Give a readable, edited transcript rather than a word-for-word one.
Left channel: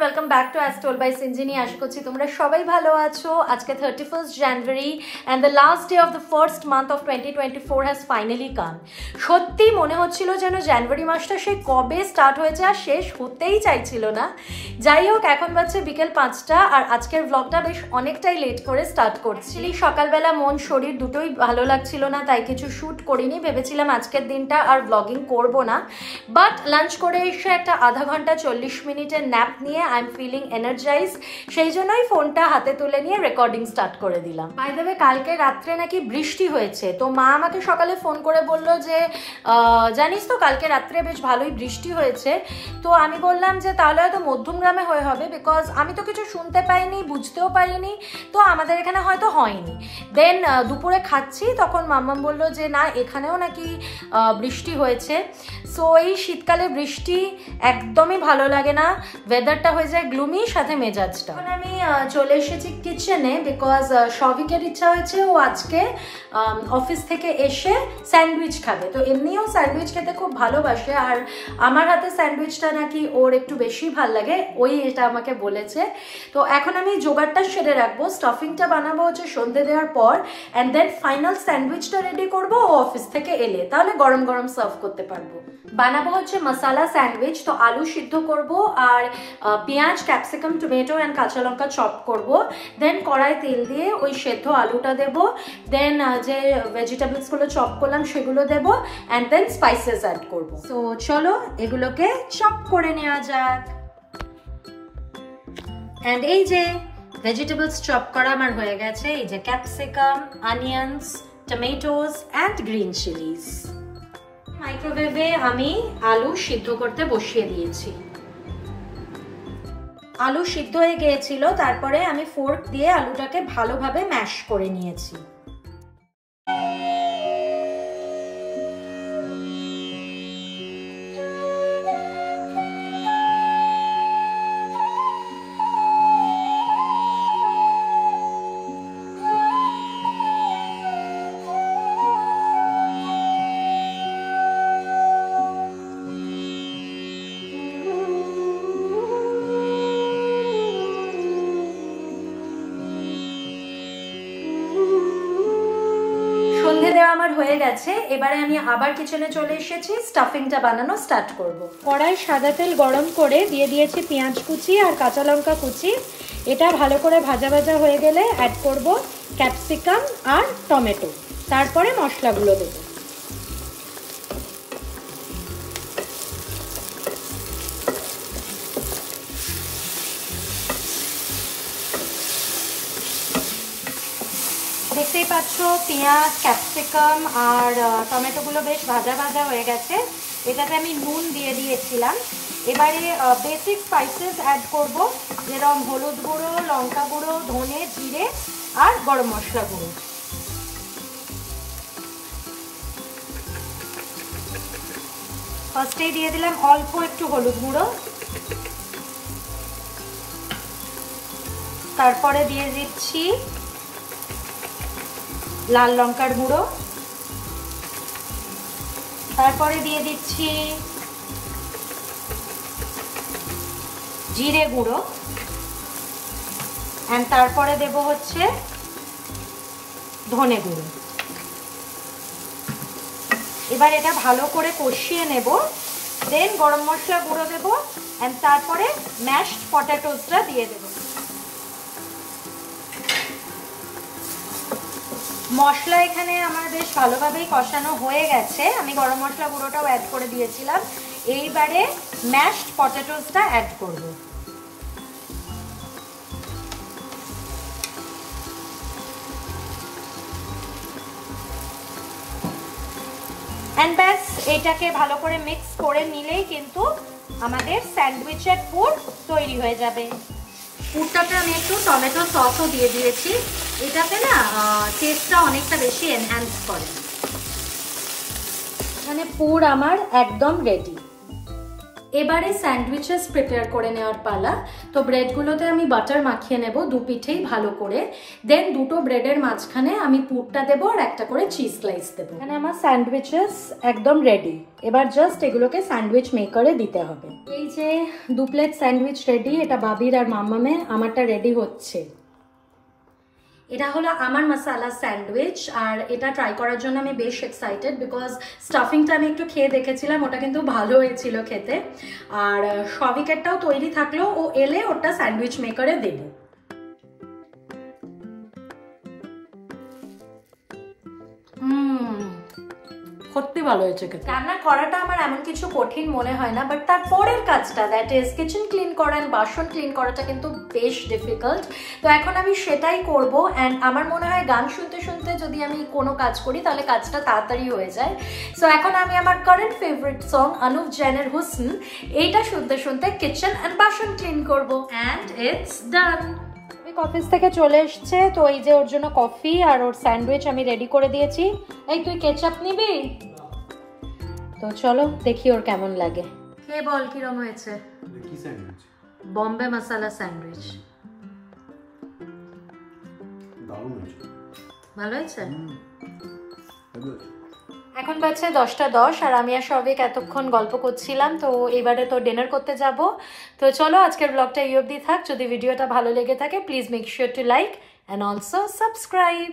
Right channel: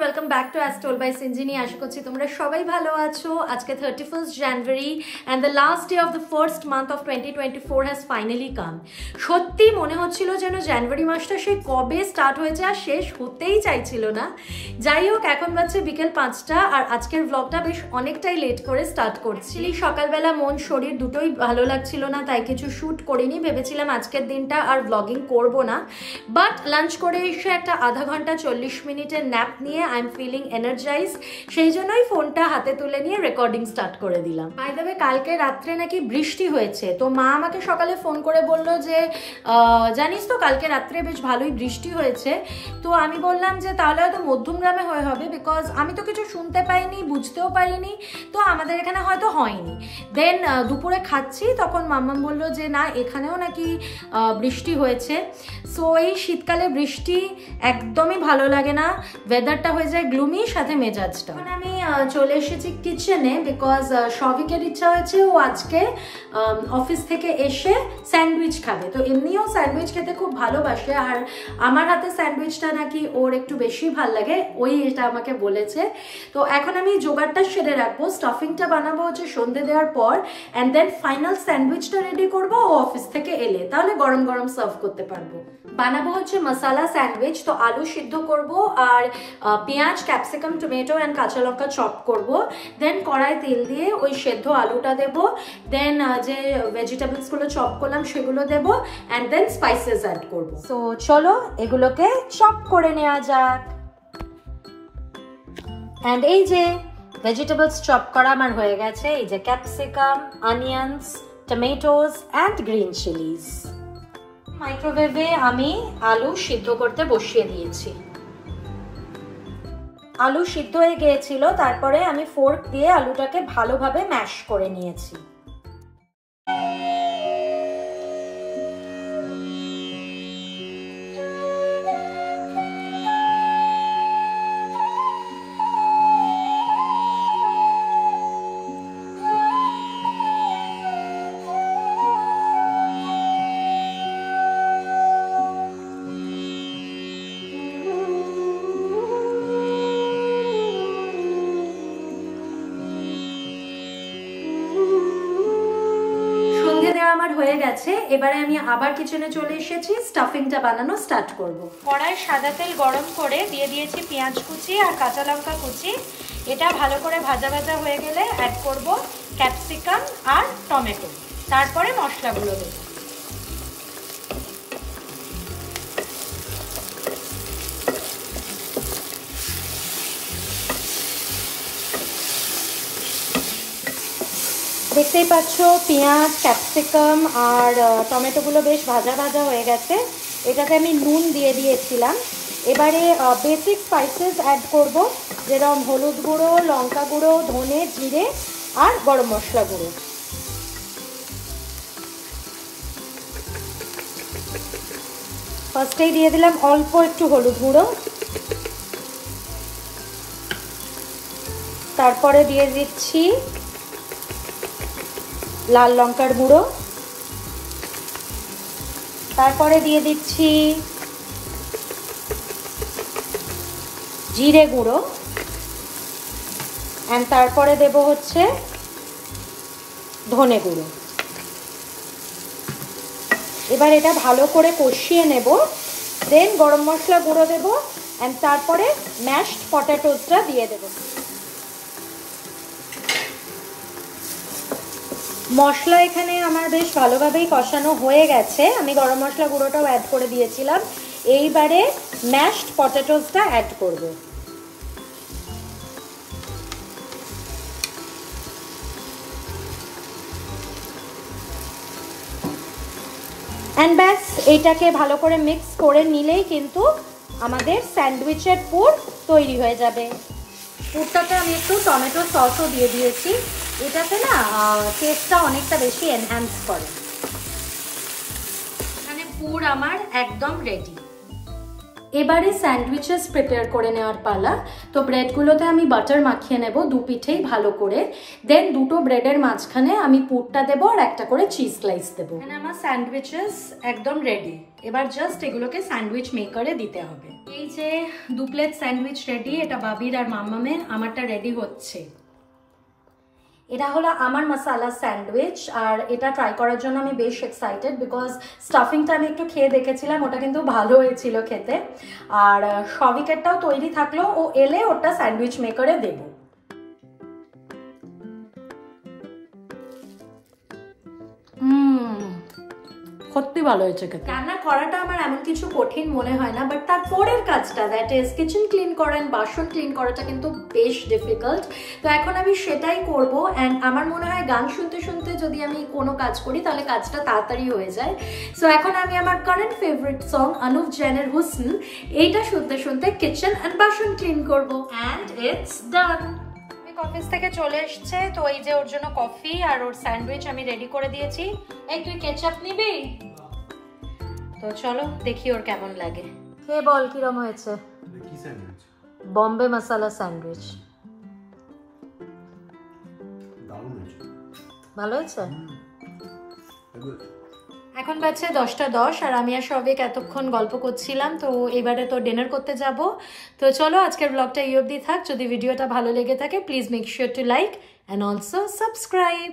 Welcome back to as told by Sinjini. আশা করছি তোমরা সবাই ভালো আছো। আজকে 31st January and the last day of the first month of 2024 has finally come. সত্যি মনে হচ্ছিল যেন জানুয়ারি মাসটা সে কবে স্টার্ট হয়েছে আর শেষ হতেই চাইছিল না। যাই হোক, এখন বাজছে বিকেল 5টা আর আজকের ব্লগটা বেশ অনেকটাই লেট করে স্টার্ট করছি। সকালবেলা মন শরীর দুটোই ভালো লাগছিল না, তাই কিছু শ্যুট করিনি। ভেবেছিলাম আজকের দিনটা আর ব্লগিং করব না, বাট লাঞ্চ করে এসে একটা আধা ঘন্টা 40 মিনিটের ন্যাপ নিয়ে আই এম ফিলিং এনার্জাইজ, সেই জন্যই ফোনটা হাতে তুলে নিয়ে রেকর্ডিং স্টার্ট করে দিলাম। বাই দ্য ওয়ে, কালকে রাত্রে নাকি বৃষ্টি হয়েছে, তো মা আমাকে সকালে ফোন করে বলল যে জানিস তো কালকে রাত্রে বেশ ভালোই বৃষ্টি হয়েছে। তো আমি বললাম যে তাহলে হয়তো মধ্যমগ্রামে হয়ে হবে, বিকজ আমি তো কিছু শুনতে পাইনি, বুঝতেও পারিনি, তো আমাদের এখানে হয়তো হয়নি। দেন দুপুরে খাচ্ছি, তখন মাম্মাম বললো যে না এখানেও নাকি বৃষ্টি হয়েছে। সো এই শীতকালে বৃষ্টি একদমই ভালো লাগে না, ওয়েদারটা হয়ে যায় গ্লুমি, সাথে মেজাজটা। এখন আমি চলে এসেছি কিচেনে, বিকজ সবিকের ইচ্ছা হয়েছে ও আজকে অফিস থেকে এসে স্যান্ডউইচ খাবে। তো এমনিও স্যান্ডউইচ খেতে খুব ভালোবাসে, আর আমার হাতে স্যান্ডউইচটা নাকি ওর একটু বেশি ভাল লাগে, ওই এটা আমাকে বলেছে। তো এখন আমি জোগাড়টা সেরে রাখবো, স্টাফিংটা বানাবো হচ্ছে সন্ধে দেওয়ার পর, অ্যান্ড দেন ফাইনাল স্যান্ডউইচটা রেডি করবো ও অফিস থেকে এলে, তাহলে গরম গরম সার্ভ করতে পারবো। বানাবো হচ্ছে মশালা স্যান্ডউইচ। তো আলু সিদ্ধ করব আর পেঁয়াজ, ক্যাপসিকাম, টমেটো অ্যান্ড কাঁচা লঙ্কা চপ করব। দেন কড়াই তেল দিয়ে ওই সেদ্ধ আলুটা দেব, দেন যে ভেজিটেবলসগুলো চপ করলাম সেগুলো দেব, অ্যান্ড দেন স্পাইসেস অ্যাড করব। তো চলো এগুলোকে চপ করে নেওয়া যাক। অ্যান্ড এই যে ভেজিটেবলস চপ করা আমার হয়ে গেছে, এই যে capsicum, onions, tomatoes and green chillies. মাইক্রোওয়েভে আমি আলু সিদ্ধ করতে বসিয়ে দিয়েছি। আলু সিদ্ধ হয়ে গিয়েছিল, তারপরে আমি ফোর্ক দিয়ে আলুটাকে ভালোভাবে ম্যাশ করে নিয়েছি। আমার হয়ে গেছে, এবারে আমি আবার কিচেনে চলে এসেছি, স্টাফিংটা বানানো স্টার্ট করব। কড়াই সাদা তেল গরম করে দিয়ে দিয়েছি পেঁয়াজ কুচি আর কাঁচা লঙ্কা কুচি। এটা ভালো করে ভাজা ভাজা হয়ে গেলে অ্যাড করব ক্যাপসিকাম আর টমেটো, তারপরে মশলাগুলো দেব। দেখতেই পাচ্ছ পেঁয়াজ, ক্যাপসিকাম আর টমেটোগুলো বেশ ভাজা ভাজা হয়ে গেছে। এটাতে আমি নুন দিয়ে দিয়েছিলাম। এবারে বেসিক স্পাইসেস অ্যাড করব, যেরকম হলুদ গুঁড়ো, লঙ্কা গুঁড়ো, ধনে, জিরে আর গরম মশলা গুঁড়ো। ফার্স্টেই দিয়ে দিলাম অল্প একটু হলুদ গুঁড়ো, তারপরে দিয়ে দিচ্ছি লাল লঙ্কার গুঁড়ো, তারপরে দিয়ে দিচ্ছি জিরে গুঁড়ো, এন্ড তারপরে দেব হচ্ছে ধনে গুঁড়ো। এবার এটা ভালো করে কষিয়ে নেব, দেন গরম মশলা গুঁড়ো দেব, এন্ড তারপরে ম্যাশড পটেটোসটা দিয়ে দেব। মশলা এখানে আমার বেশ ভালোভাবেই কষানো হয়ে গেছে, আমি গরম মশলা গুঁড়োটাও অ্যাড করে দিয়েছিলাম। এইবারে ম্যাশড পটেটোসটা অ্যাড করব। অ্যান্ড ব্যাস, এইটাকে ভালো করে মিক্স করে নিলেই কিন্তু আমাদের স্যান্ডউইচের পুর তৈরি হয়ে যাবে। পুরটাতে আমি একটু টমেটো সসও দিয়ে দিয়েছি, এটাতে না টেস্টটা অনেকটা বেশি এনহ্যান্স করে। এখানে পুর আমার একদম রেডি। এবারে স্যান্ডউইচেস প্রিপেয়ার করে নেওয়ার পালা। তো ব্রেডগুলোতে আমি বাটার মাখিয়ে নেব দু পিঠেই ভালো করে, দেন দুটো ব্রেডের মাঝখানে আমি পুরটা দেবো আর একটা করে চিজ স্লাইস দেবো। মানে আমার স্যান্ডউইচেস একদম রেডি। এবার জাস্ট এগুলোকে স্যান্ডউইচ মেকারে দিতে হবে। এই যে 2 প্লেট স্যান্ডউইচ রেডি, এটা বাবির আর মাম্মামে, আমারটা রেডি হচ্ছে। এটা হলো আমার মশালা স্যান্ডউইচ, আর এটা ট্রাই করার জন্য আমি বেশ এক্সাইটেড বিকজ স্টাফিংটা আমি একটু খেয়ে দেখেছিলাম, ওটা কিন্তু ভালো হয়েছিল খেতে। আর সবিকেটটাও তৈরি থাকলো, ও এলে ওটা স্যান্ডউইচ মেকারে দেবো। সত্যি ভালো হয়েছে খেতে। রান্না করাটা আমার এমন কিছু কঠিন মনে হয় না, বাট তার পরের কাজটা, দ্যাট ইজ কিচেন ক্লিন করা এন্ড বাসন ক্লিন করাটা কিন্তু বেশ ডিফিকাল্ট। তো এখন আমি সেটাই করব। অ্যান্ড আমার মনে হয় গান শুনতে শুনতে যদি আমি কোনো কাজ করি তাহলে কাজটা তাড়াতাড়ি হয়ে যায়। সো এখন আমি আমার কারেন্ট ফেভারিট সং অনুভ জৈনের হুসন, এইটা শুনতে শুনতে কিচেন অ্যান্ড বাসন ক্লিন করব। And it's done. অফিস থেকে চলে এসছে, তো এই যে ওর জন্য কফি আর ওর স্যান্ডউইচ আমি রেডি করে দিয়েছি। এই তুই কেচাপ নিবি? তো চলো দেখি ওর কেমন লাগে। কে বল কিরম হয়েছে? কি স্যান্ডউইচ? বম্বে মশালা স্যান্ডউইচ। দারুণ হয়েছে। ভালো হয়েছে? এখন বাজছে 10:10 আর আমি আর সবিক এতক্ষণ গল্প করছিলাম। তো এবারে তো ডিনার করতে যাব। তো চলো আজকের ব্লগটা এই অবধি থাক। যদি ভিডিওটা ভালো লেগে থাকে please make sure to like and also subscribe.